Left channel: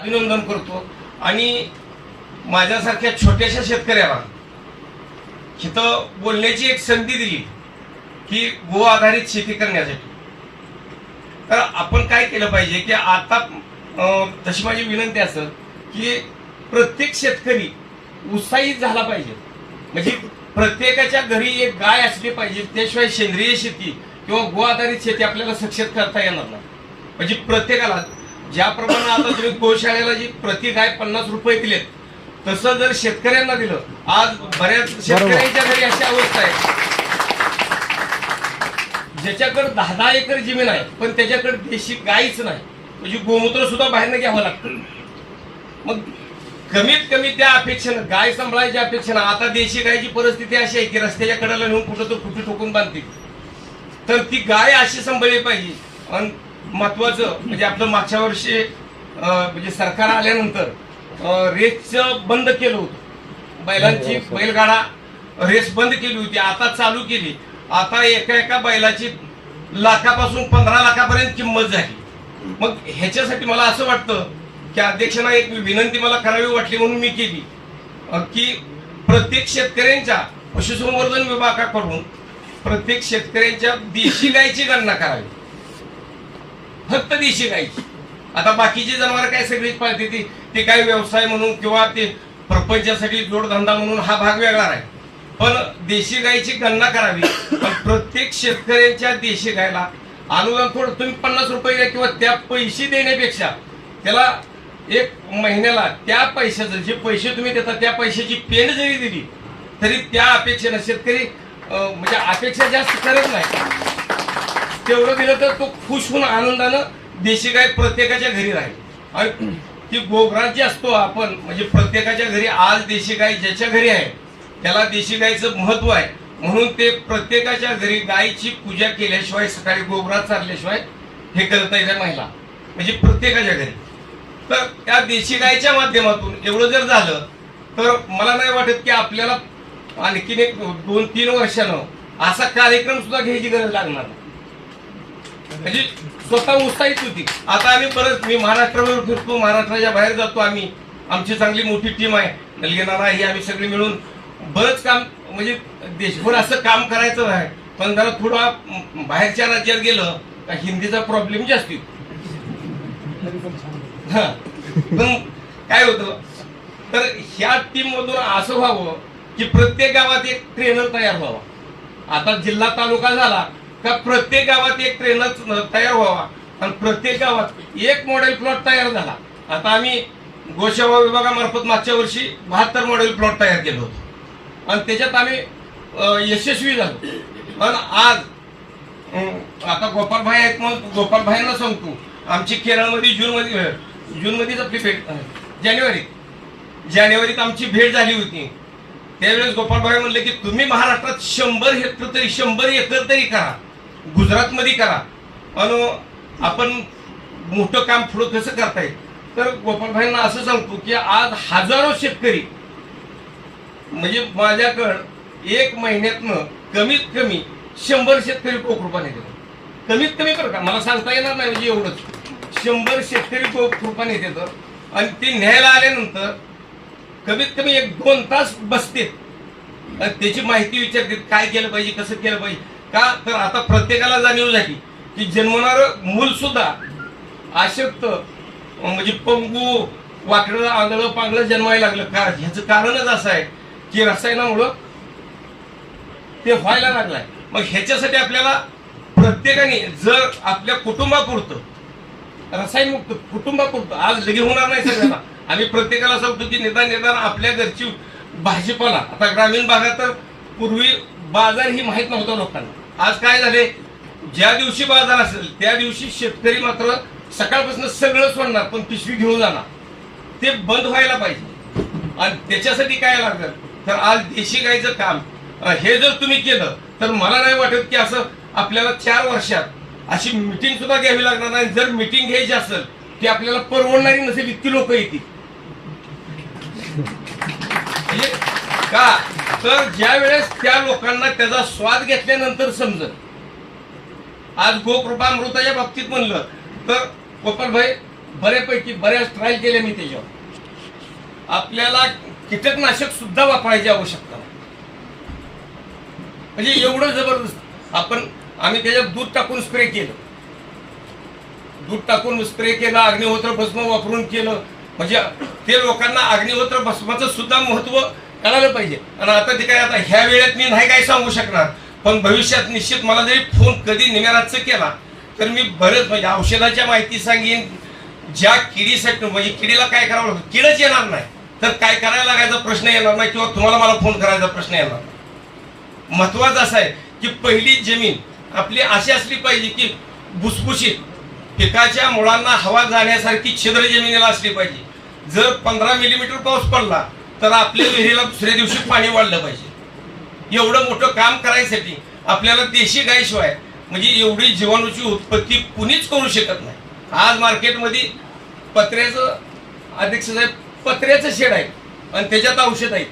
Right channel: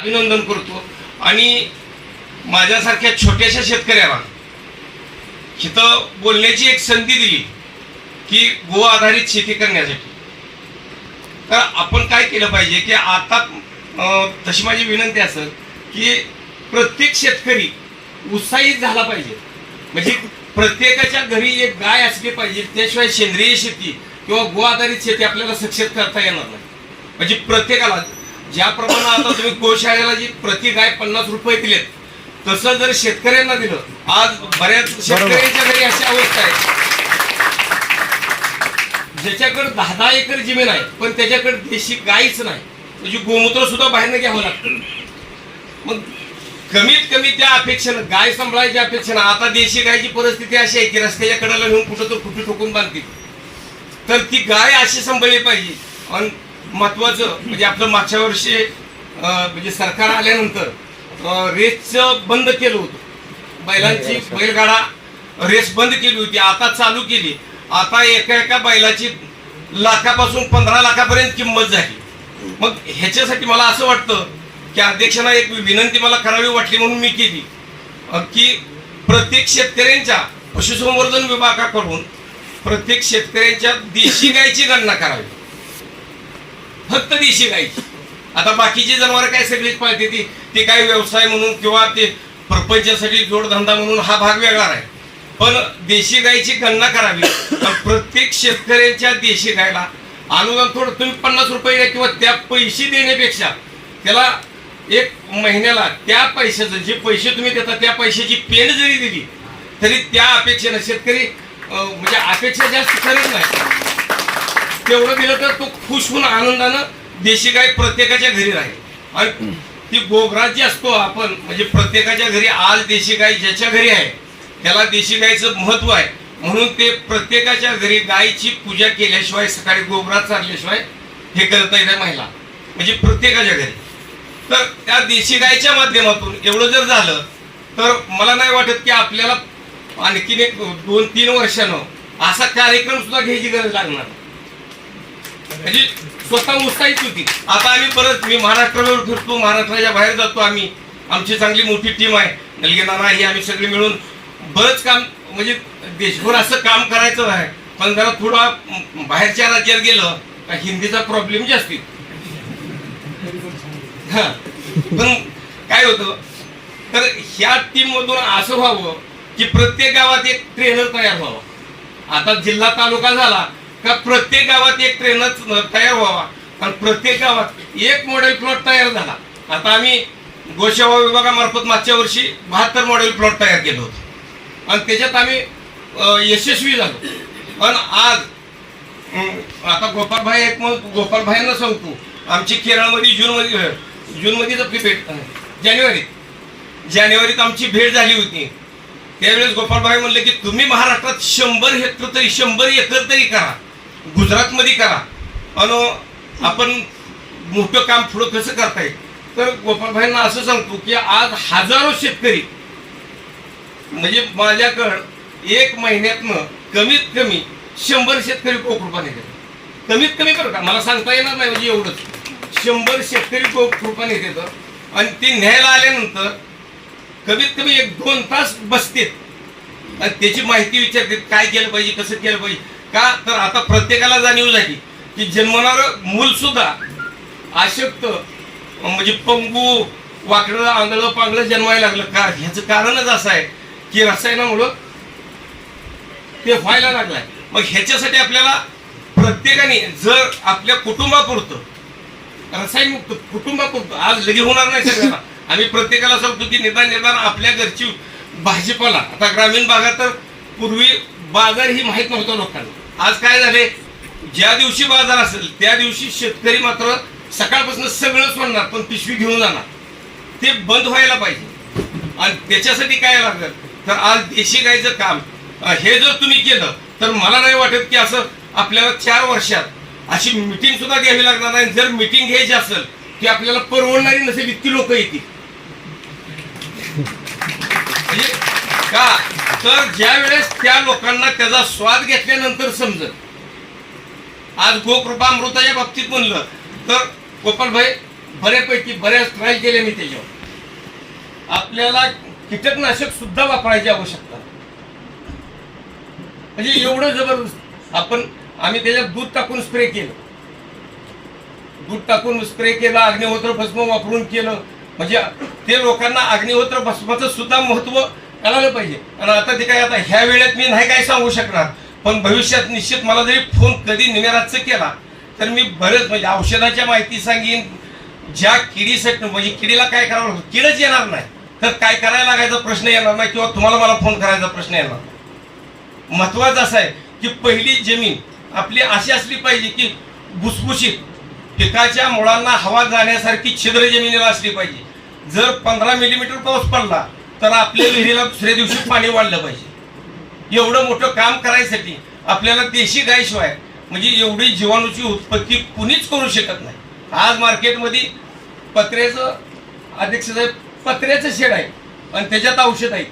अभिनंदन करतो. आणि माझ्यासारख्या छोट्याशा शेतकऱ्याला इथं बोलण्याची एक संधी दिली की गो आधारित शेती करण्यासाठी. तर आपण काय केलं पाहिजे की आता तशी माझी विनंती असेल की प्रत्येक शेतकरी उत्साहित झाला पाहिजे. म्हणजे प्रत्येकाच्या घरी एक गाय असली पाहिजे त्याशिवाय सेंद्रिय शेती किंवा गो आधारित शेती आपल्याला सक्षम करता येणार नाही. म्हणजे प्रत्येकाला ज्याप्रमाणे आता तुम्ही गोशाळेला जी प्रति गाय पन्नास रुपये दिलेत तसं जर शेतकऱ्यांना दिलं आज बऱ्याच शेतकऱ्यांच्या घरी अशी अवस्था आहे. ज्याच्याकडे दहा दहा एकर जमीन आहे पण त्याच्याकडे देशी गायच नाही. म्हणजे गोमूत्र सुद्धा बाहेरनं घ्यावं लागतं. मग कमीत कमी त्या अपेक्षेनं गाय सांभाळायच्या अपेक्षेनं आता देशी गायची परिस्थिती अशी आहे की रस्त्याच्या कडेला नेऊन कुठं तर कुठे ठोकून बांधतील. तर ती गाय अशी सांभाळली पाहिजे. आणि महत्वाचं म्हणजे आपलं मागच्या वर्षी म्हणजे सरकार आल्यानंतर रेसचं बंद केलं होतं. बैलांची बैलगाडा रेस बंद केली होती आता चालू केली. आता एका एका बैलाची लाखापासून पंधरा लाखापर्यंत किंमत झाली. मग ह्याच्यासाठी मला असं वाटतं की अध्यक्षांना एक विनंती मला करावी वाटली म्हणून मी केली. की प्रत्येक शेतकऱ्यांच्या पशुसंवर्धन विभागाकडून प्रत्येक शेतकऱ्यांच्या देशी गायची गणना करावी. फक्त देशी गायची आता बाकीची जनावर काय सगळीच पाळते ती. ते काही व्यवसाय म्हणून किंवा ते प्रपंचासाठी जोडधंदा म्हणून हा भाग वेगळा आहे. पण देशी गायची गणना करावी. प्रत्येक शेतकऱ्यांच्या देशी गायला अनुदान थोडं तुम्ही पन्नास रुपये द्या किंवा त्या पैसे देण्यापेक्षा त्याला एक महिन्याला त्या पैशाचं जे पैसे तुम्ही देता त्या पैशाची पेन जरी दिली तरी त्या अपेक्षेनं शेतकरी म्हणजे अपेक्षा जास्त करत नाही. तेवढं दिलं तर तो खुश होऊन आनंदानं देशी गाय प्रत्येकाच्या घरी राहील. आणि ती गोगराज असतो आपण म्हणजे प्रत्येकाच्या घरी आज देशी गाय ज्याच्या घरी आहे त्याला देशी गायचं महत्त्व आहे. म्हणून ते प्रत्येकाच्या घरी गायची पूजा केल्याशिवाय सकाळी गोगराज चालल्याशिवाय हे करता येत महिला. म्हणजे प्रत्येकाच्या घरी. तर त्या देशी गायच्या माध्यमातून एवढं जर झालं तर मला नाही वाटत की आपल्याला आणखीन एक दोन तीन वर्षानं असा कार्यक्रम सुद्धा घ्यायची गरज लागणार. म्हणजे स्वतः उत्साहित होती. आता आम्ही परत मी महाराष्ट्रावर फिरतो महाराष्ट्राच्या बाहेर जातो आम्ही. आमची चांगली मोठी टीम आहे. नलगेनाना ही आम्ही सगळे मिळून बरंच काम म्हणजे देशभर असं काम करायचं आहे. पण जरा थोडा बाहेरच्या राज्यात गेलं का हिंदीचा प्रॉब्लेम जास्त येतो हा. पण काय होतं तर ह्या टीम मधून असं व्हावं की प्रत्येक गावात एक ट्रेनर तयार व्हावा. आता जिल्हा तालुका झाला का प्रत्येक गावात एक ट्रेनच तयार व्हावा. आणि प्रत्येक गावात एक मॉडेल प्लॉट तयार झाला. आता आम्ही गोसेवा विभागामार्फत मागच्या वर्षी बहात्तर मॉडेल प्लॉट तयार केलं होतं. आणि त्याच्यात आम्ही यशस्वी झालो. पण आज आता गोपालभाई एक मग गोपालभाईंना सांगतो आमची केरळमध्ये जूनमध्ये जूनमध्येच आपली भेट जानेवारीत जानेवारीत आमची भेट झाली होती. त्यावेळेस गोपालभाई म्हणले की तुम्ही महाराष्ट्रात शंभर हेक्टर तरी शंभर एकर तरी करा. गुजरातमध्ये करा. आणि आपण मोठं काम पुढं कसं करता येईल तर गोपालभाईंना असं सांगतो की आज हजारो शेतकरी म्हणजे माझ्याकडं एक महिन्यातनं कमीत कमी शंभर शेतकरी कोकरूपाने देतात. कमीत कमी बरं का मला सांगता येणार नाही म्हणजे एवढंच. शंभर शेतकरी कोकरूपाने देतात. आणि ते न्यायला आल्यानंतर कमीत कमी एक दोन तास बसतेत आणि त्याची माहिती विचारतात काय केलं पाहिजे कसं केलं पाहिजे. का? तर आता प्रत्येकाला जाणीव झाली की जन्मणार मूल सुद्धा अशक्त म्हणजे पंगू वाकडं आंधळं पांगळं जन्मायला लागलं. का? ह्याचं कारणच असं आहे की रसायनामुळं ते व्हायला लागलाय. मग ह्याच्यासाठी आपल्याला प्रत्येकाने जर आपल्या कुटुंबापुरतं रसायनमुक्त कुटुंबापुरतं आज लगे होणार नाही सगळ्यांना आम्ही प्रत्येकाला सांगतो की निदान निदान आपल्या घरची भाजीपाला आता ग्रामीण भागात तर पूर्वी बाजार ही माहीत नव्हतं लोकांना. आज काय झाले? ज्या दिवशी बाजार असेल त्या दिवशी शेतकरी मात्र सकाळपासून सगळं सोडणार पण पिशवी घेऊन जाणार. ते बंद व्हायला पाहिजे. आणि त्याच्यासाठी काय लागलं? तर आज देशी गायचं काम. हे जर तुम्ही केलं तर मला नाही वाटत की असं आपल्याला चार वर्षात अशी मिटिंग सुद्धा घ्यावी लागणार नाही. जर मिटिंग घ्यायची असेल ती आपल्याला परवडणारी नसेल इतकी लोक येतील. का? तर ज्या वेळेस त्या लोकांना त्याचा स्वाद घेतल्यानंतर समजत आज गोकृपा अमृताच्या बाबतीत म्हणलं तर गोपालभाई बऱ्यापैकी बऱ्याच ट्राय केले मी त्याच्यावर. आपल्याला कीटकनाशक सुद्धा वापरायची आवश्यकता म्हणजे एवढं जबरदस्त. आपण आम्ही त्याच्यात दूध टाकून स्प्रे केलं. दूध टाकून स्प्रे केलं अग्निहोत्र भस्म वापरून केलं. म्हणजे ते लोकांना अग्निहोत्र भस्माचं सुद्धा महत्त्व कळालं पाहिजे. आणि आता ते काय आता ह्या वेळेत मी नाही काय सांगू शकणार. पण भविष्यात निश्चित मला जरी फोन कधी निमेराचं केला तर मी बरेच म्हणजे औषधाच्या माहिती सांगेन. ज्या किडीसाठी म्हणजे किडीला काय करावं लागतं? किडच येणार नाही. तर काय करायला लागायचा प्रश्न येणार नाही किंवा तुम्हाला मला फोन करायचा प्रश्न येणार नाही. महत्वाचं असं आहे की पहिली जमीन आपली अशी असली पाहिजे की भुसभुशीत पिकाच्या मुळांना हवा जाण्यासारखी छिद्र जमिनीला असली पाहिजे. जर पंधरा मिलीमीटर पाऊस पडला तर आपल्या विहिरीला दुसऱ्या दिवशी पाणी वाढलं पाहिजे. एवढं मोठं काम करायसाठी आपल्याला देशी गायशिवाय म्हणजे एवढी जीवाणूची उत्पत्ती कुणीच करू शकत नाही. आज मार्केटमध्ये पत्र्याचं अध्यक्ष साहेब पत्र्याचं शेड आहे आणि त्याच्यात औषध आहे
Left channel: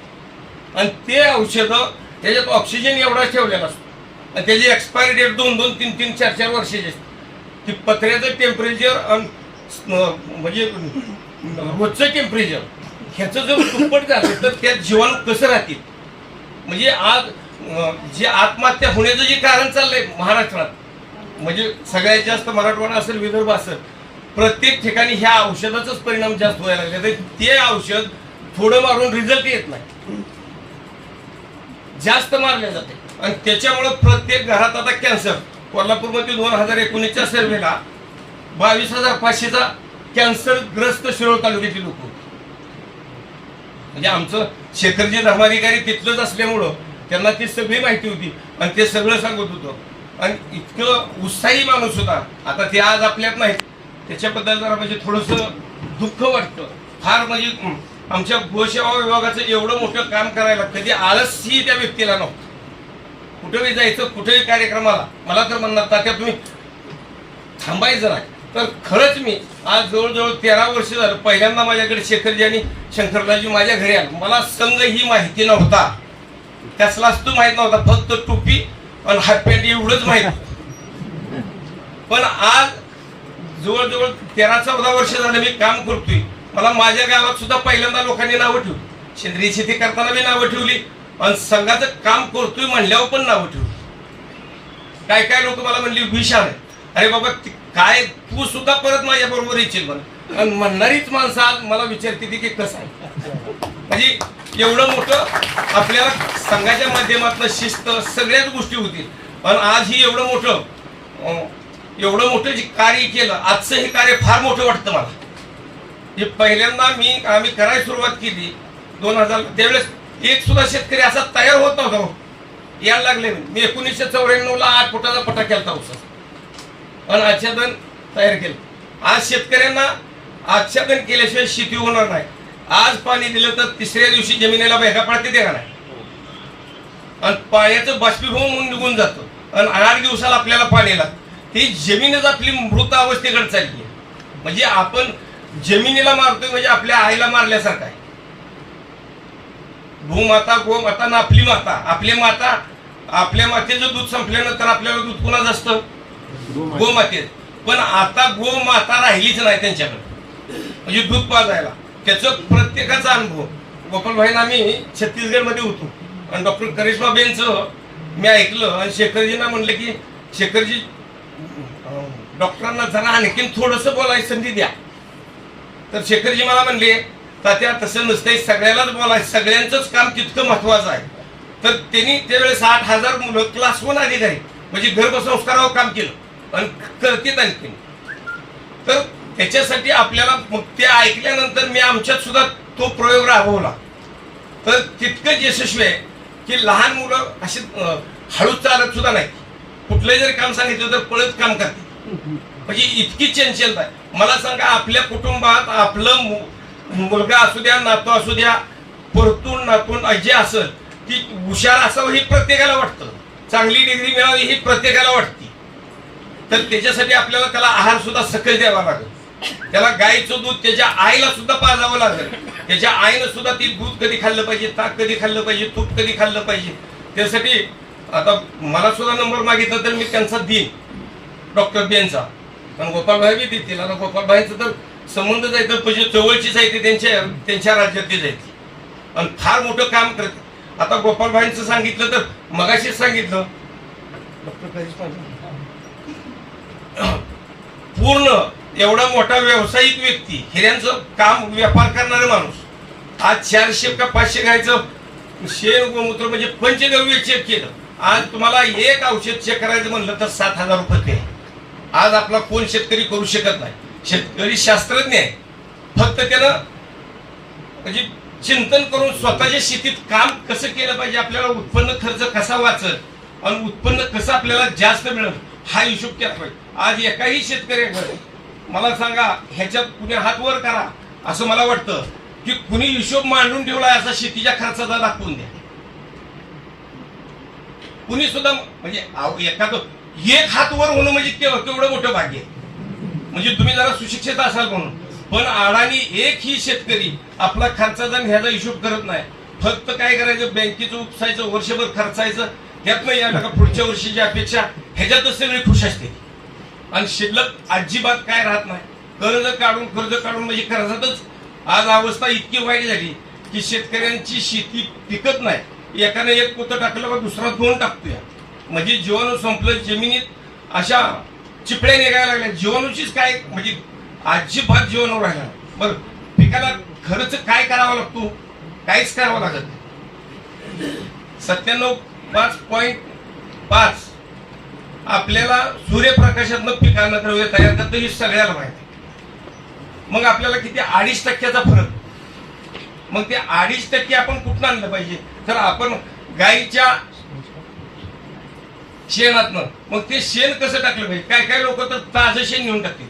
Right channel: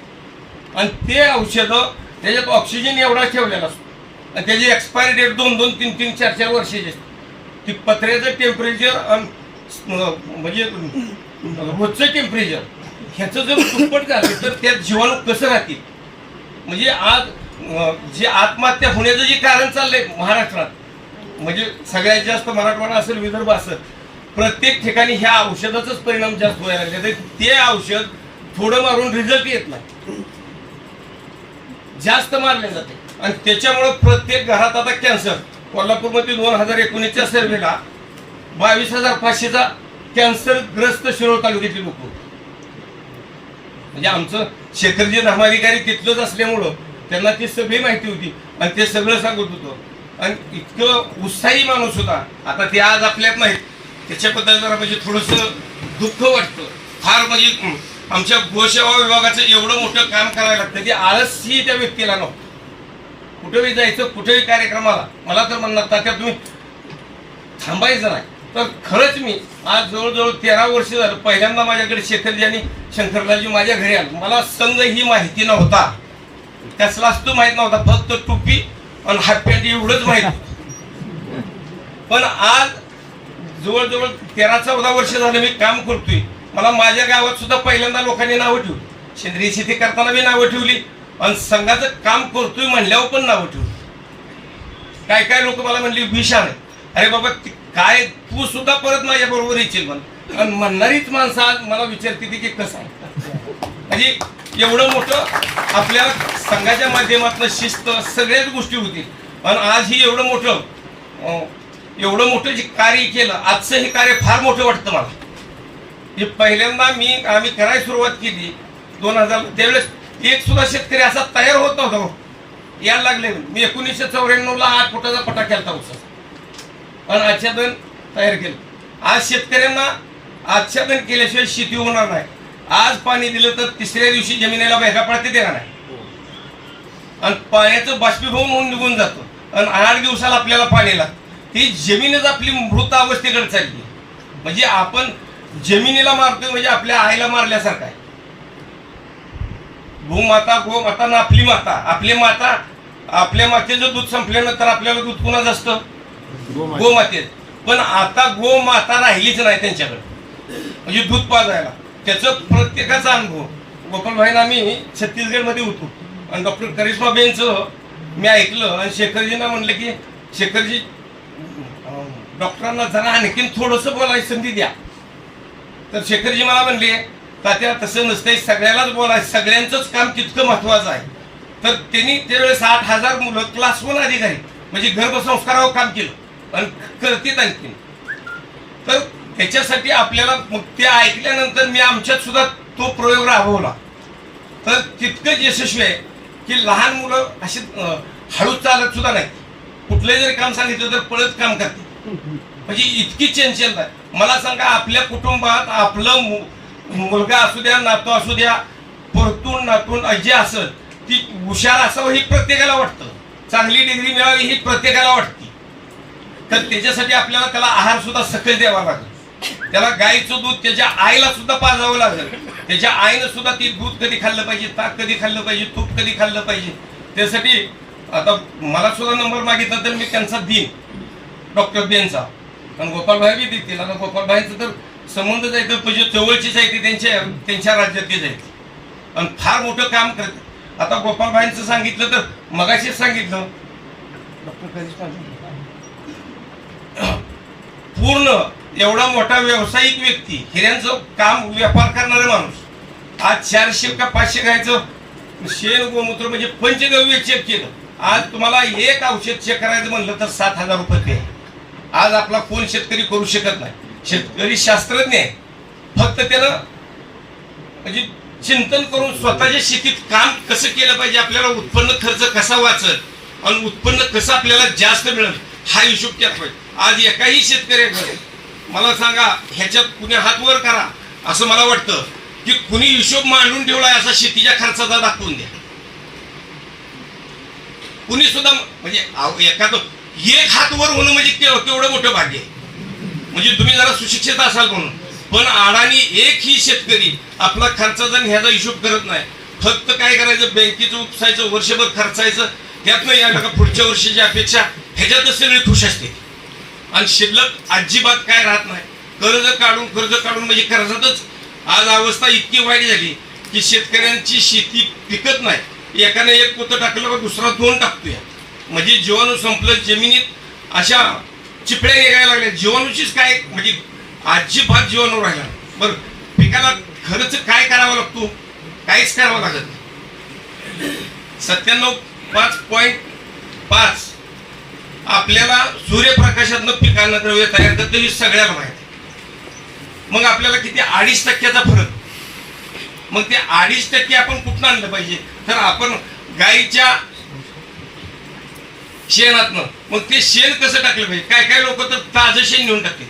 आणि ते औषधं त्याच्यात ऑक्सिजन एवढा ठेवलेला असतो. आणि त्याची एक्सपायरी डेट दोन दोन तीन तीन चार चार वर्षाची असते. ती पत्र्याचं टेम्परेचर म्हणजे रोजचं टेम्परेचर ह्याचं जर दुप्पट झालं तर त्यात जीवाणू कसं राहतील? म्हणजे आज जे आत्महत्या होण्याचं जे कारण चाललंय महाराष्ट्रात म्हणजे सगळ्यात जास्त मराठवाडा असेल विदर्भ असेल प्रत्येक ठिकाणी ह्या औषधाचाच परिणाम जास्त व्हायला लागले. तर ते औषध थोडं मारून रिझल्ट येत नाही. जास्त मारले जाते. आणि त्याच्यामुळं प्रत्येक घरात आता कॅन्सर कोल्हापूरमध्ये दोन हजार एकोणीसच्या सर्वेला बावीस हजार पाचशेचा कॅन्सरग्रस्त शिरोळ तालुक्यातील लोक म्हणजे आमचं शेखरजी धर्माधिकारी तिथलंच असल्यामुळं त्यांना ती सगळी माहिती होती आणि ते सगळं सांगत होतं. आणि इतकं उत्साही माणूस होता. आता ते आज आपल्यात नाहीत. त्याच्याबद्दल जरा म्हणजे थोडंसं दुःख वाटतं. फार म्हणजे आमच्या गोसेवा विभागाचं एवढं मोठं काम करायला लागतं. की आळसही त्या व्यक्तीला नव्हतं. कुठेही जायचं कुठेही कार्यक्रमाला मला तर म्हणणार तात्या तुम्ही थांबायचं नाही. तर खरंच मी आज जवळजवळ तेरा वर्ष झालं. पहिल्यांदा माझ्याकडे शेखरजी आणि शंकरराजी माझ्या घरी आलं. मला संघ ही माहिती नव्हता. कसलाच तो माहीत नव्हता. फक्त टोपी आणि हाफपॅन्ट एवढंच माहीत. पण आज जवळजवळ तेरा चौदा वर्ष झालं मी काम करतोय. मला माझ्या गावात सुद्धा पहिल्यांदा लोकांनी नावं ठेवली. सेंद्रिय शेती करताना मी नावं ठेवली. आणि संघाचं काम करतोय म्हणल्यावर पण नावं ठेवली. काय काय लोक मला म्हणली विषाण आहे अरे बाबा काय? तू सुद्धा परत माझ्या बरोबर येशील म्हणून आणि म्हणणारीच माणसं आज मला विचारते ती की कसं आहे? म्हणजे एवढं मोठं आपल्याला संघाच्या माध्यमातून शिस्त सगळ्याच गोष्टी होतील. पण आज ही एवढं मोठं एवढं मोठं जे कार्य केलं आजचं हे कार्य फार मोठं वाटतं मला. हे पहिल्यांदा मी आम्ही करायला सुरुवात केली. दोन हजार त्यावेळेस एक सुद्धा शेतकरी असा तयार होत नव्हता. हो. यायला लागले. मी एकोणीसशे चौऱ्याण्णव ला आठ फुटाचा पटा केला उसाचा आणि आच्छादन तयार केलं. आज शेतकऱ्यांना आच्छादन केल्याशिवाय शेती होणार नाही. आज पाणी दिलं तर तिसऱ्या दिवशी जमिनीला भेगा पडते देणार नाही. आणि पाण्याचं बाष्पीभवन होऊन निघून जातं. आणि आठ दिवसाला आपल्याला पाणी लागतं. ती जमीनच आपली मृत अवस्थेकडे चालली. आहे म्हणजे आपण जमिनीला मारतोय म्हणजे आपल्या आईला मारल्यासारखं आहे. भूमाता गोमाता ना आपली माता. आपली माता आपल्या मातेचं दूध संपल्यानंतर आपल्याला दूध पुन्हा असतं? गोमातेत पण आता गोमाता राहिलीच नाही त्यांच्याकडे. म्हणजे दूध पाजायला. त्याचं प्रत्येकाचा अनुभव. गोपालभाईंना आम्ही छत्तीसगडमध्ये होतो. आणि डॉक्टर करिश्मा बेनचं मी ऐकलं आणि शेखरजींना म्हणलं की शेखरजी डॉक्टरांना जरा आणखीन थोडंसं बोलायची संधी द्या. तर शेखरजी मला म्हणले तात्या तसं नसतंय सगळ्यालाच बोलाय सगळ्यांचंच काम तितकं महत्वाचं आहे. तर त्यांनी त्यावेळेस आठ हजार मुलं क्लास वन अधिकारी म्हणजे गर्भसंस्कारावर काम केलं. आणि करतेत आणखीन. तर त्याच्यासाठी आपल्याला मग ते ऐकल्यानंतर मी आमच्यात सुद्धा तो प्रयोग राबवला. तर तितकंच यशस्वी आहे की लहान मुलं अशी हळू चालत सुद्धा नाही कुठलं जरी काम सांगितलं तर पळत काम करते म्हणजे इतकी चंचलता आहे मला सांगा आपल्या कुटुंबात आपलं मु- मुलगा असू द्या नातू असू द्या परतून नातून जे असं की हुशार असावं ही प्रत्येकाला वाटतं. चांगली डिग्री मिळावी ही प्रत्येकाला वाटतं. तर त्याच्यासाठी आपल्याला त्याला आहार सुद्धा सकल द्यावा लागेल. त्याला गायीचं दूध त्याच्या आईला सुद्धा पाजावं लागेल. त्याच्या आईनं सुद्धा ती दूध कधी खाल्लं पाहिजे ताक कधी खाल्लं पाहिजे तूप कधी खाल्लं पाहिजे. त्यासाठी आता मला सुद्धा नंबर मागितला तर मी त्यांचा देईन डॉक्टर बेनचा पण गोपालभाई बी देतील. आता गोपालभाईचं तर संबंध जायचं म्हणजे जवळचीच आहे ती त्यांच्या त्यांच्या राज्यातली आहे आणि फार मोठं काम करत. आता गोपालभाईंचं सांगितलं तर मगाशीच सांगितलं. डॉक्टर कधीच पूर्ण एवढा मोठा व्यावसायिक व्यक्ती हिऱ्यांचं काम व्यापार करणारे माणूस. आज चारशे का पाचशे गायचं शेण गोमूत्र म्हणजे पंचगव्य चेक केलं. आज तुम्हाला एक औषध चेक करायचं म्हणलं तर सात हजार रुपये ते आज आपला कोण शेतकरी करू शकत नाही. शेतकरी शास्त्रज्ञ आहे. फक्त त्यानं म्हणजे चिंतन करून स्वतःच्या शेतीत काम कसं केलं पाहिजे आपल्याला उत्पन्न खर्च कसा वाचल आणि उत्पन्न कसं आपल्याला जास्त मिळेल हा हिशोब केला पाहिजे. आज एकाही शेतकऱ्याकडे मला सांगा ह्याच्यात कुणी हात वर करा असं मला वाटतं की कुणी हिशोब मांडून ठेवलाय असा शेतीच्या खर्चाचा दाखवून द्या. कुणी सुद्धा म्हणजे एखादं एक हात वर होणं म्हणजे केवढं मोठं भाग्य आहे. म्हणजे तुम्ही जरा सुशिक्षित असाल म्हणून. पण अडाणी एकही शेतकरी आपला खर्चाचा आणि ह्याचा हिशोब करत नाही. फक्त काय करायचं बँकेचं उपसायचं वर्षभर खर्चायचं यातनं या पुढच्या वर्षीची अपेक्षा ह्याच्यातच सगळी खुश असते. आणि शिल्लक अजिबात काय राहत नाही. कर्ज काढून कर्ज काढून म्हणजे कर्जातच आज अवस्था इतकी वाईट झाली की शेतकऱ्यांची शेती पिकत नाही. एकाने एक पोतं टाकलं का दुसरा दोन टाकतोय. म्हणजे जीवाणू संपलं जमिनीत अशा चिपड्या निघायला लागल्या. जीवाणूचीच काय म्हणजे अजिबात जीवाणू राहिला बरं पिकाला खर्च काय करावा लागतो? काहीच करावं लागत नाही. सत्त्याण्णव पाच पॉईंट पाच आपल्याला सूर्यप्रकाशातनं पिकांना द्रव्य तयार करतं हे सगळ्याला माहिती. मग आपल्याला किती अडीच टक्क्याचा फरक. मग ते अडीच टक्के आपण कुठं आणलं पाहिजे? तर आपण गाईच्या शेणातनं मग ते शेण कसं टाकलं पाहिजे? काय काय लोक तर ताजं शेण घेऊन टाकते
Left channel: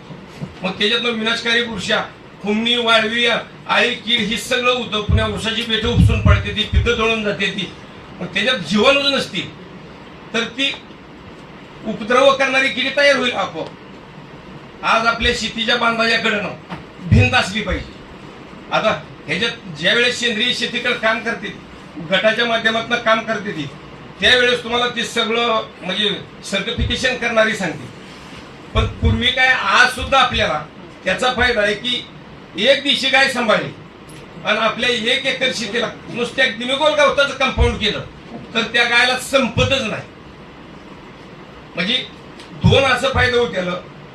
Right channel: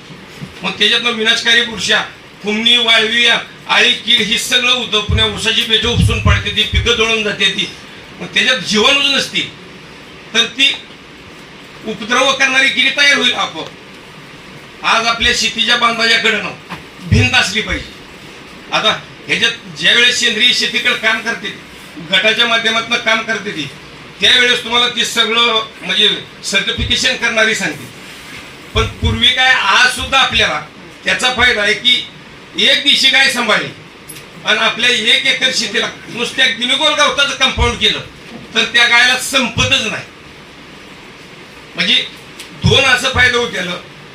मग त्याच्यातनं विनाशकारी बुरशा कुमणी वाळवी आळी कीड ही सगळं होतं. पुण्या उसाची पेटं उपसून पडते ती पिकं जळून जाते ती. मग त्याच्यात जीवाणूच नसती. तर ती उपद्रव करणारी किडी तयार होईल आपोआप. आज आपल्या शेतीच्या बांधाच्याकडे भिंत असली पाहिजे. आता ह्याच्यात ज्या वेळेस सेंद्रिय शेतीकडे काम करते गटाच्या माध्यमातून काम करते ती त्यावेळेस तुम्हाला ते सगळं म्हणजे सर्टिफिकेशन करणारी सांगते पण पूर्वी काय आज सुद्धा आपल्याला त्याचा फायदा आहे की एक दिवशी गाय सांभाळली? आणि आपल्या एक एकर शेतीला नुसत्या गिनगोल गवताचं कंपाऊंड केलं तर त्या गायला संपतच नाही. म्हणजे दोन असं फायदा होत्याला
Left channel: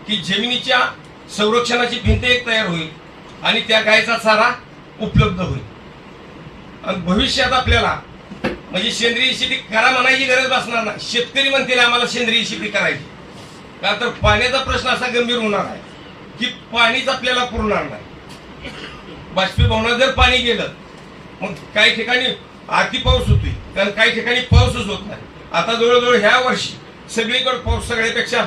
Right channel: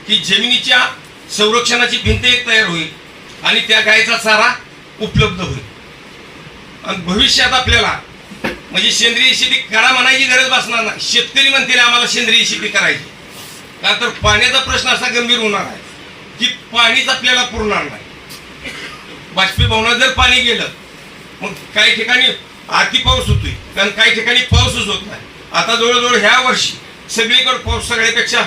की जमिनीच्या संरक्षणाची भिंत एक तयार होईल आणि त्या गायचा चारा उपलब्ध होईल. आणि भविष्यात आपल्याला म्हणजे सेंद्रिय शेती करा म्हणायची गरज भासणार नाही. शेतकरी म्हणतील आम्हाला सेंद्रिय शेती करायची. का तर पाण्याचा प्रश्न असा गंभीर होणार आहे की पाणीच आपल्याला पुरणार नाही. बाष्पीभवनात जर पाणी गेलं मग काही ठिकाणी अति पाऊस होतोय. कारण काही ठिकाणी पाऊसच होत नाही. आता जवळजवळ ह्या वर्षी सगळीकडे पाऊस सगळ्यापेक्षा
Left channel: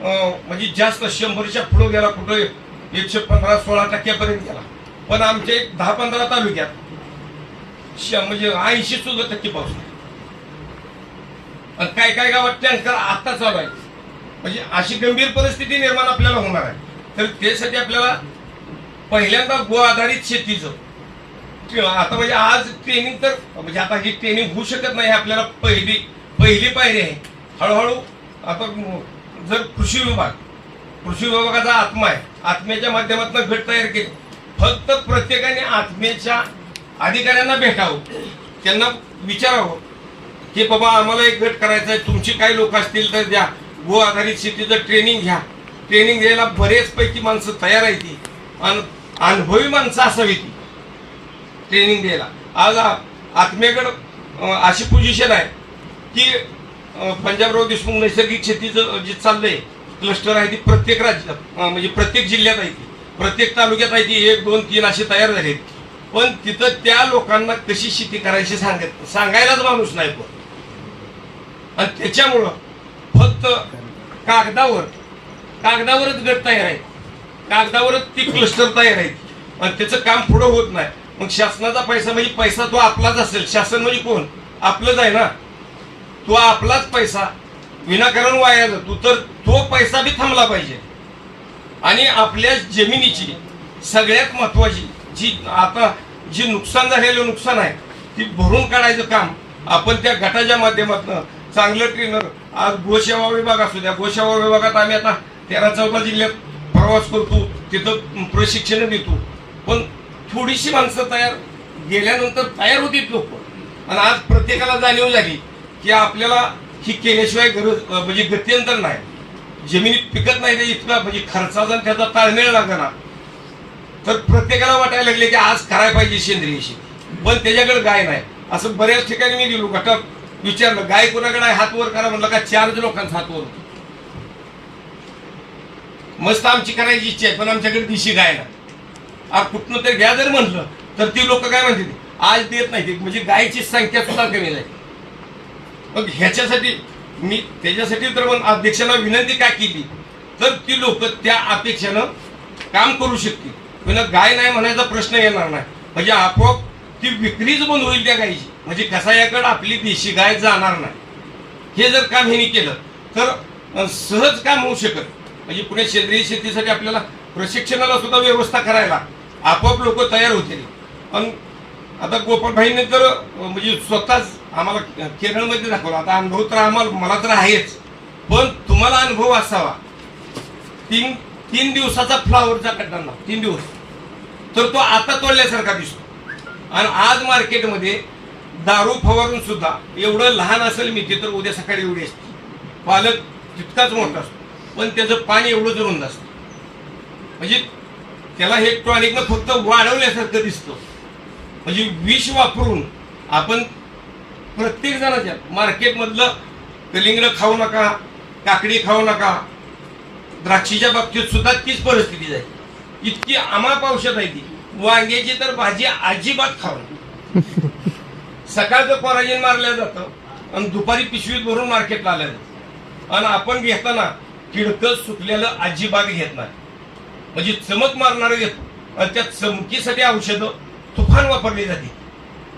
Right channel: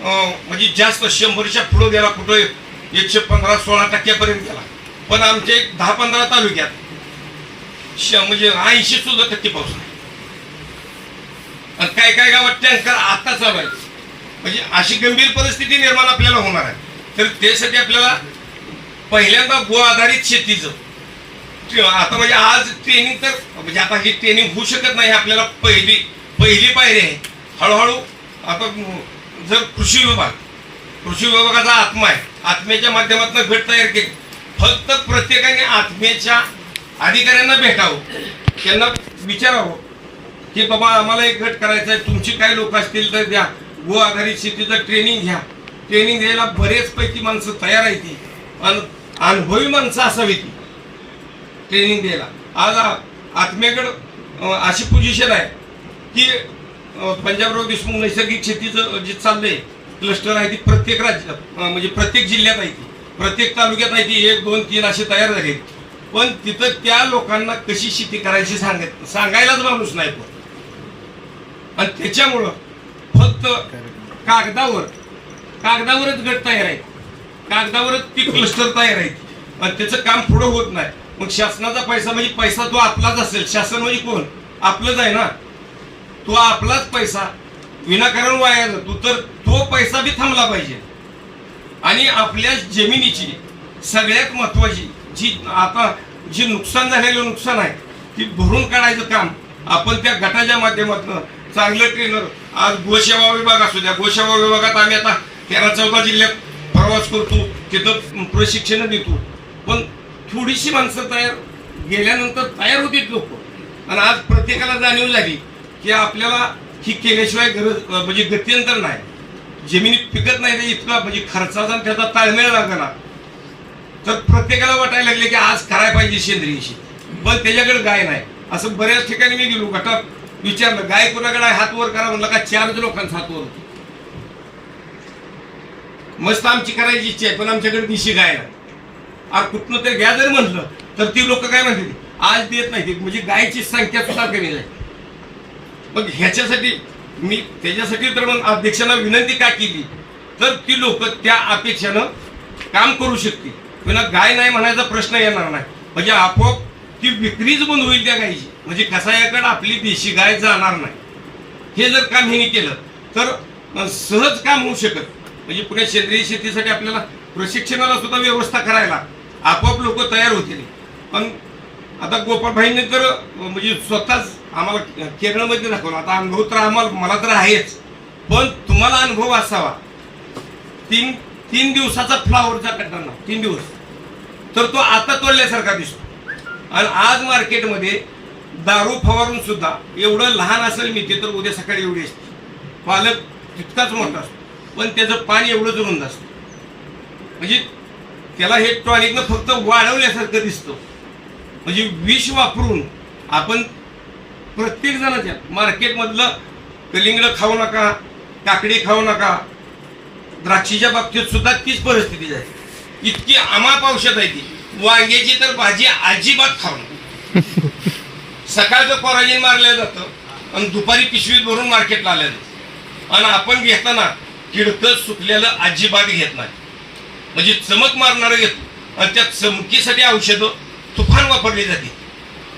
म्हणजे जास्त शंभरच्या पुढं गेला कुठं एकशे पंधरा सोळा टक्क्यापर्यंत गेला. पण आमच्या एक दहा पंधरा तालुक्यात श- म्हणजे ऐंशी सुद्धा टक्के पाऊस नाही. आणि काय काय गावात टँकर आता चालू आहे म्हणजे अशी गंभीर परिस्थिती निर्माण आपल्याला होणार आहे. तर त्यासाठी आपल्याला पहिल्यांदा गो आधारित शेतीचं आता म्हणजे आज ट्रेनिंग तर म्हणजे आता ही ट्रेनिंग होऊ शकत नाही आपल्याला पहिली पहिली पायरी आहे. हळूहळू आता जर कृषी विभाग कृषी विभागाचा आत्मा आहे आत्म्याच्या माध्यमातून गट तयार केले. फक्त प्रत्येकाने आत्म्याच्या अधिकाऱ्यांना भेटावं. त्यांना विचारावं की बाबा आम्हाला एक गट करायचा आहे तुमची काही लोक असतील तर द्या. गो आधारित शेतीचं ट्रेनिंग घ्या. ट्रेनिंग द्यायला बरेचपैकी माणसं तयार आहे ती आणि अनुभवी माणसं असावी ती. ट्रेनिंग द्यायला. आज आत्म्याकडं अशी पोझिशन आहे की पंजाबराव देशमुख नैसर्गिक शेतीचं जे चाललंय क्लस्टर आहे ती प्रत्येक राज्यात म्हणजे प्रत्येक जिल्ह्यात आहे ती. प्रत्येक तालुक्यात आहे ती एक दोन तीन असे तयार झालेत. पण तिथं त्या लोकांना कशी शेती करायची सांगत सांगायलाच माणूस नाही पण आणि त्याच्यामुळं फक्त कागदावर कागदावरच गट तयार आहे कागदावरच ती क्लस्टर तयार आहे आणि त्याचं काम पुढं होत नाही. मग शासनाचा पैसा म्हणजे पैसा तो आपलाच असेल. शासन म्हणजे कोण? आपलंच आहे ना. तो आपलाच पैसा विनाकारण वाया जातो तर तो पैसा बी थांबला पाहिजे. आणि आपल्या जमिनीची सगळ्यात महत्वाची जी आता जी नुकसान झालेलं नुकसान आहे ती भरून काढायचं काम आपण त्या गटाच्या माध्यमातून चांगलं ट्रेनर आज गोसेवा विभाग असू द्या गोसेवा विभागात आम्ही आता तेरा चौदा जिल्ह्यात प्रवास करतो तिथं प्रशिक्षण देतो. पण थोडीशी माणसं तयार गेल्यानंतर तयार होती लोक. आणि आज प्रत्येकाला जाणीव झाली की आपल्याला ही केल्याशिवाय गरज म्हणजे गत्यंतर नाही. जमिनीत पिकत नाही ते इतका म्हणजे खर्चाचा आणि त्याचा ताळमेळ लागणार तर प्रत्येकाला वाटायला लागले की आज करायला पाहिजे सेंद्रिय शेती पण त्याच्याकडे गाय नाही. असं बऱ्याच ठिकाणी मी गेलो गटात विचारलं गाय कोणाकडे आहे? हात वर करा म्हणलं का चारच लोकांचा हात वर होतो. मस्त आमची करायची इच्छा आहे पण आमच्याकडे दिशी गाय नाही. आज कुठनं तर घ्या जर म्हटलं तर ती लोक काय म्हणते आज देत नाही. म्हणजे गायची संख्या सुद्धा कमी नाही. मग ह्याच्यासाठी मी त्याच्यासाठी तर मग अध्यक्षांना विनंती का केली? तर ती लोक त्या अपेक्षेनं काम करू शकतील. पण गाय नाही म्हणायचा प्रश्न येणार नाही. म्हणजे आपोआप ती विक्रीच बंद होईल त्या गायची. म्हणजे कसायाकडे आपली देशी गाय जाणार नाही. हे जर काम ह्यांनी केलं तर सहज काम होऊ शकत. म्हणजे पुणे सेंद्रिय शेतीसाठी आपल्याला प्रशिक्षणाला सुद्धा व्यवस्था करायला आपोआप लोक तयार होतील. पण आता गोपाळभाईंनी तर म्हणजे स्वतःच आम्हाला केरळमध्ये दाखवलं. आता अनुभव तर आम्हाला मला तर आहेच. पण तुम्हाला अनुभव असावा. तीन तीन दिवसाचा फ्लावरचा कट्टांना तीन दिवस. तर तो आता तोडल्यासारखा दिसतो. आणि आज मार्केटमध्ये दारू फवारून सुद्धा एवढं लहान असेल मी ते तर उद्या सकाळी एवढी असते. पालक तितकाच मोठा असतो. पण त्याचं पाणी एवढंच रुंद असतं म्हणजे त्याला हे टॉनिकनं फक्त वाढवल्यासारखं दिसतं. म्हणजे विष वापरून आपण प्रत्येक जणाच्या मार्केटमधलं कलिंगड खाऊ नका काकडी खाऊ नका द्राक्षीच्या बाबतीत सुद्धा तीच परिस्थिती आहे. इतकी अमाप औषध आहे ती. वांग्याची तर भाजी अजिबात खाऊ नका. सकाळचं पराजीन मारलं जातं आणि दुपारी पिशवीत भरून मार्केटला आल्या जातं. आणि आपण घेताना किडकं सुकलेलं अजिबात घेत नाही. म्हणजे चमक मारणारं घेतो. आणि त्या चमकीसाठी औषधं तुफान वापरली जाते.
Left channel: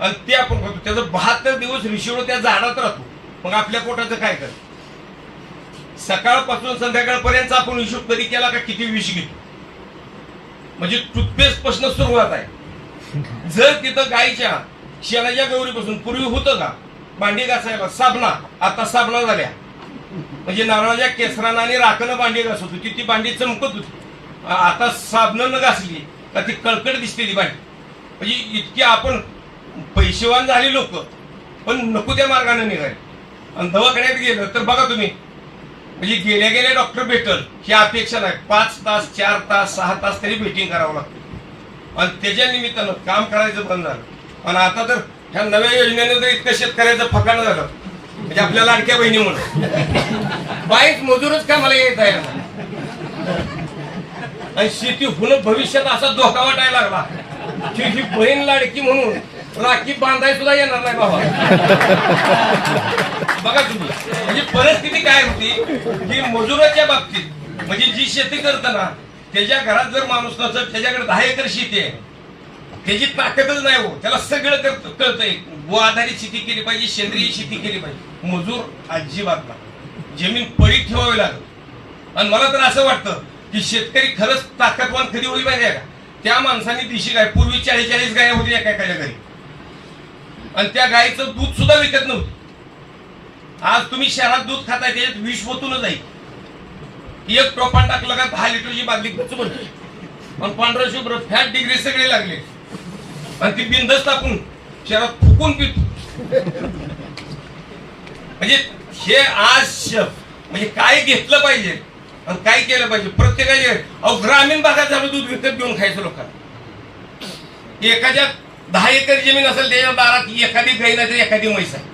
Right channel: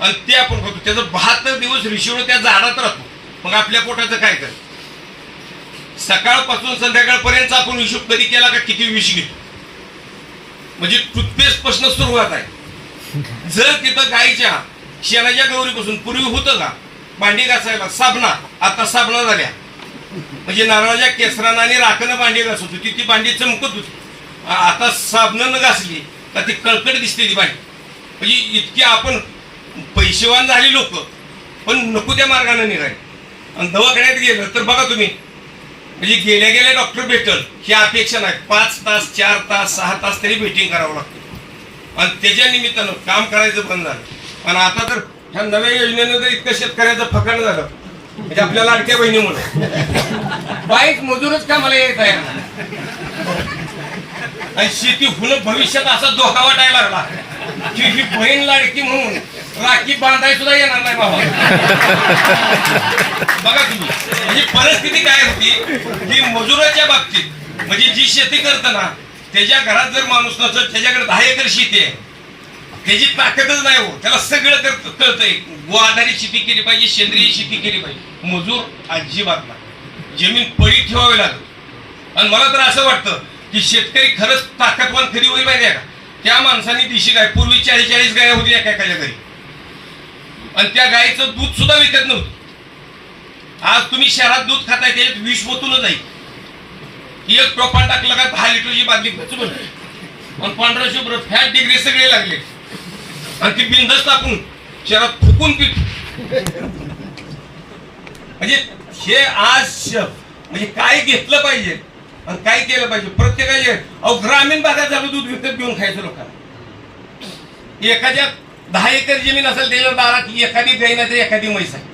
आणि ते आपण करतो त्याचं बहात्तर दिवस रिशिवड त्या झाडात राहतो. मग आपल्या पोटाचं काय कर सकाळपासून संध्याकाळपर्यंत आपण हिशोब कधी केला का किती विष घेतो? म्हणजे टूथपेस्टपासून सुरुवात आहे. जर तिथं गायच्या शेणाच्या गौरीपासून पूर्वी होतं का? भांडी घासायला साबणा आता साबणा झाल्या. म्हणजे नारळाच्या केसरानं आणि राखनं भांडी घासत होती. ती भांडी चमकत होती. आता आता साबणानं घासली तर ती कळकट दिसते ती भांडी. म्हणजे इतकी आपण पैसेवान झाले लोक पण नको त्या मार्गाने निघाले आणि दवाखान्यात गेलं तर बघा तुम्ही म्हणजे गेल्या गेल्या डॉक्टर भेटल ही अपेक्षा नाही. पाच तास चार तास सहा तास तरी मीटिंग करावं लागतं. आणि त्याच्या निमित्तानं काम करायचं बंद झालं. आणि आता तर ह्या नव्या योजनेनं तर इतकं शेतकऱ्याचं फकाण झालं म्हणजे आपल्या लाडक्या बहिणीमुळे. बाईक मजूरच कामाला येत आहे आणि शेती होणं भविष्यात असा धोका वाटायला लागला. की ही बहीण लाडकी म्हणून राखी बांधाय सुद्धा येणार नाही बाबा. बघा तुम्ही म्हणजे परिस्थिती काय होती? की मजुराच्या बाबतीत म्हणजे जी शेती करताना त्याच्या घरात जर माणूस नसत त्याच्याकडे दहा एकर शेती आहे. त्याची ताकदच नाही हो त्याला सगळं करत कळतंय. गो आधारित शेती केली पाहिजे सेंद्रिय शेती केली पाहिजे. मजूर अजिबात नाही. जमीन पडी ठेवावी लागत आणि मला तर असं वाटतं की शेतकरी खरंच ताकदवान कधी होईल पाहिजे का? त्या माणसाने दिशी गाय. पूर्वी चाळीस चाळीस गाय होती एका एखाद्या घरी. आणि त्या गायीचं दूध सुद्धा विकत नव्हतं. आज तुम्ही शहरात दूध खाताय ते विष होतूनच आहे. एक टोपान टाकलं का दहा लिटरची बादली गच बनते आणि पांढरा शुभ्र फॅट डिग्री सगळे लागले. आणि ती बिंदच टाकून शहरात फुकून पित म्हणजे हे आज श- म्हणजे काय घेतलं पाहिजे? आणि काय केलं पाहिजे? प्रत्येकाचे अहो ग्रामीण भागात झालं दूध विकत घेऊन खायचं लोकांना. एखाद्या दहा एकर जमीन असेल त्याच्या दारात एखादी गाय नाही तर एखादी म्हैस आहे.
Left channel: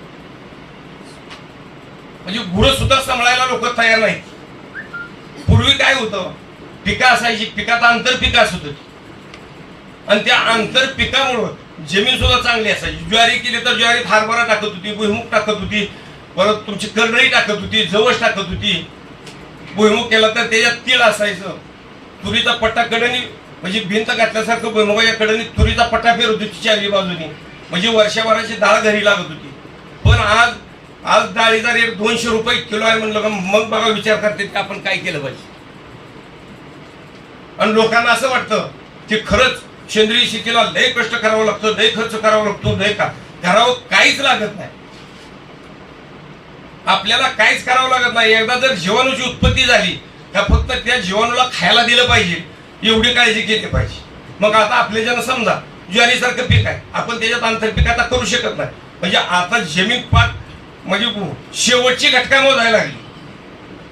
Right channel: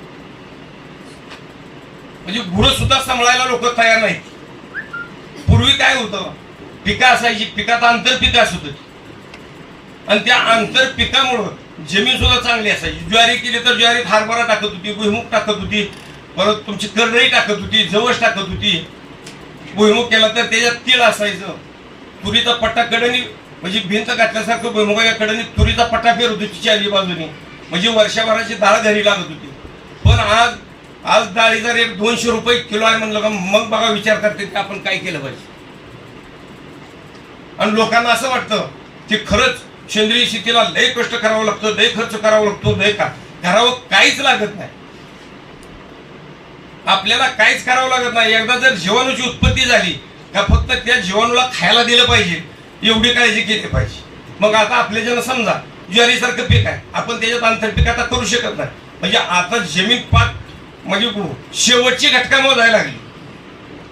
म्हणजे गुरं सुद्धा सांभाळायला लोक तयार नाहीत. पूर्वी काय होतं? पिका असायची पिकात आंतरपिकं असत होती. आणि त्या आंतरपिकामुळं जमीन सुद्धा चांगली असायची. ज्वारी केली तर ज्वारीत हरभरा टाकत होती भुईमुग टाकत होती परत तुमची करडई टाकत होती जवस टाकत होती. भुईमुग केला तर त्याच्यात तीळ असायचं. तुरीचा पट्टा कडेने म्हणजे भिंत घातल्यासारखं भुईमुगाच्या कडेने तुरीचा पट्टा फिरत होती चारी बाजूनी. म्हणजे वर्षभराची डाळ घरी लागत होती. पण आज आज डाळीचा रेट दोनशे रुपये किलो आहे म्हणलं का मग बघा विचार करते की आपण काय केलं पाहिजे. आणि लोकांना असं वाटतं की खरंच सेंद्रिय शेतीला लय कष्ट करावं लागतं लय खर्च करावा लागतो लय का? करावं काहीच लागत नाही. आपल्याला काहीच करावं लागत नाही. एकदा जर जीवाणूची उत्पत्ती झाली का फक्त त्या जीवाणूला खायला दिलं पाहिजे. एवढी काळजी घेतली पाहिजे. मग आता आपले जण समजा ज्वारीसारखं पीक आहे. आपण त्याच्यात आंतरपीक आता करू शकत नाही. म्हणजे आता जमीन पाक म्हणजे शेवटची घटका मोजायला लागली.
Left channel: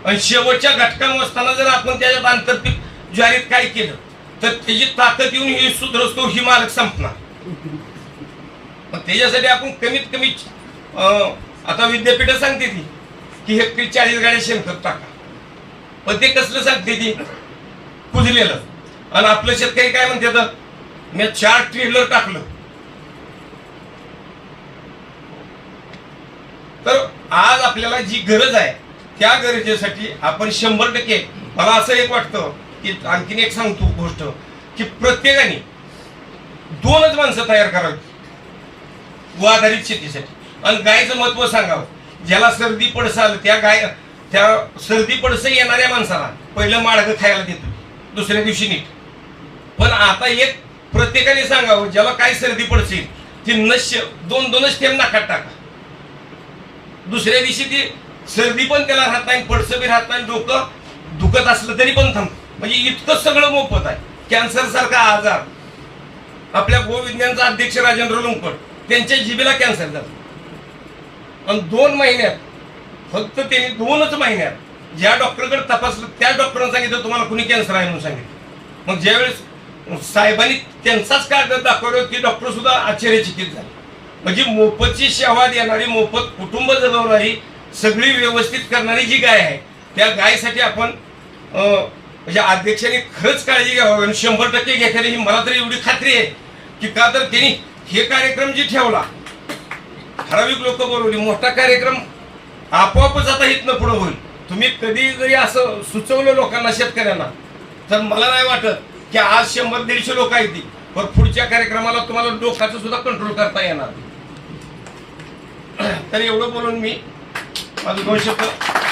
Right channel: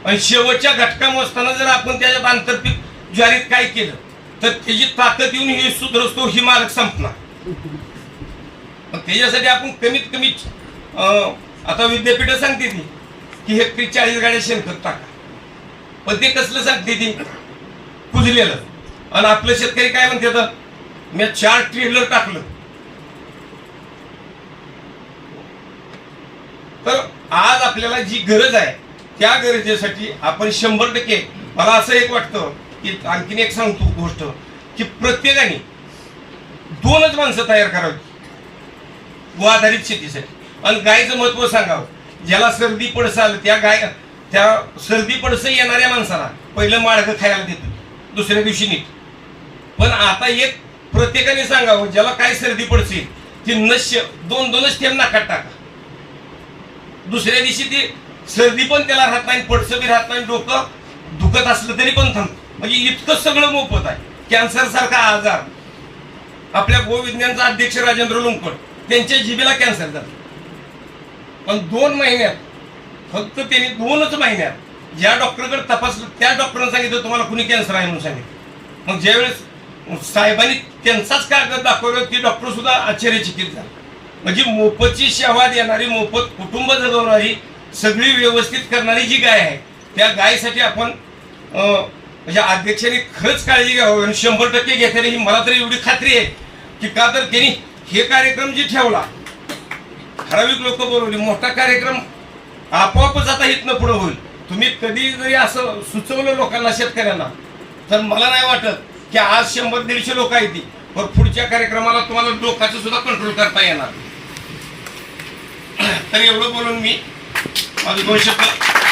आणि शेवटच्या घटका मोजताना जर आपण त्याच्यात आंतरपीक ज्वारीत काय केलं तर त्याची ताकद येऊन हे सुधरसतो ही मालक संपणार. त्याच्यासाठी आपण कमीत कमी आता विद्यापीठ सांगते ती की हेक्टरी चाळीस गाड्या शेणखत टाका. पण ते कसलं सांगते ती? कुजलेलं. आणि आपलं शेतकरी काय म्हणते तर मी चार ट्रेलर टाकलं. तर आज आपल्याला जी गरज आहे त्या गरजेसाठी आपण शंभर टक्के मला असं एक वाटतं की आणखीन एक सांगतो गोष्ट की प्रत्येकाने दोनच माणसं तयार करावी. व आधारित शेतीसाठी. आणि गायचं महत्त्व सांगावं. ज्याला सर्दी पडसं आलं त्या गाय त्या सर्दी पडसं येणाऱ्या माणसाला पहिलं माडगं खायला देतो. दुसऱ्या दिवशी नीट. पण आता एक प्रत्येकाने सांगावं ज्याला काय सर्दी पडसे ती नश्य दोन दोनच थेंब नाकात टाका. दुसऱ्या दिवशी ती सर्दी पण त्याला राहत नाही पडसं बी राहत नाही डोकं दुखत असलं तरी पण थांब. म्हणजे इतकं सगळं मोफत आहे. कॅन्सर सारखा आजार. आपल्या गोविज्ञानचा अध्यक्ष राजेंद्र लुंकड त्यांच्या जिबेला कॅन्सर झाला. पण दोन महिन्यात फक्त त्यांनी दोनच महिन्यात ज्या डॉक्टरकडे तपासलं त्या डॉक्टरनं सांगितलं तुम्हाला कुणी कॅन्सर आहे म्हणून सांगितलं. मग ज्यावेळेस साहेबांनी त्यांचाच कागद दाखवलं की डॉक्टर सुद्धा आश्चर्यचकित झाले. म्हणजे मोफतची सेवा देणारी मोफत कुटुंब जगवणारी सगळी व्यवस्थित करणारी जी गाय आहे त्या गायसाठी आपण म्हणजे अध्यक्षांनी खरंच काळजी घ्यावी आणि शंभर टक्के घेतली ही मला तरी एवढी खात्री आहे की का तर त्यांनी हे कार्यक्रम जी ठेवला ठराविक लोक बोलवली मोठा कार्यक्रम आपोआपच आता इथनं पुढं होईल. तुम्ही कधी जरी असं सुचवलं लोकांना शेतकऱ्यांना तर मला नाही वाटत की आज शंभर दीडशे लोक आहेत ती. पण पुढच्या कार्यक्रमाला तुम्हाला लोकांचं सुद्धा कंट्रोल करता येणार. तर एवढं बोलून मी माझं दोन शब्द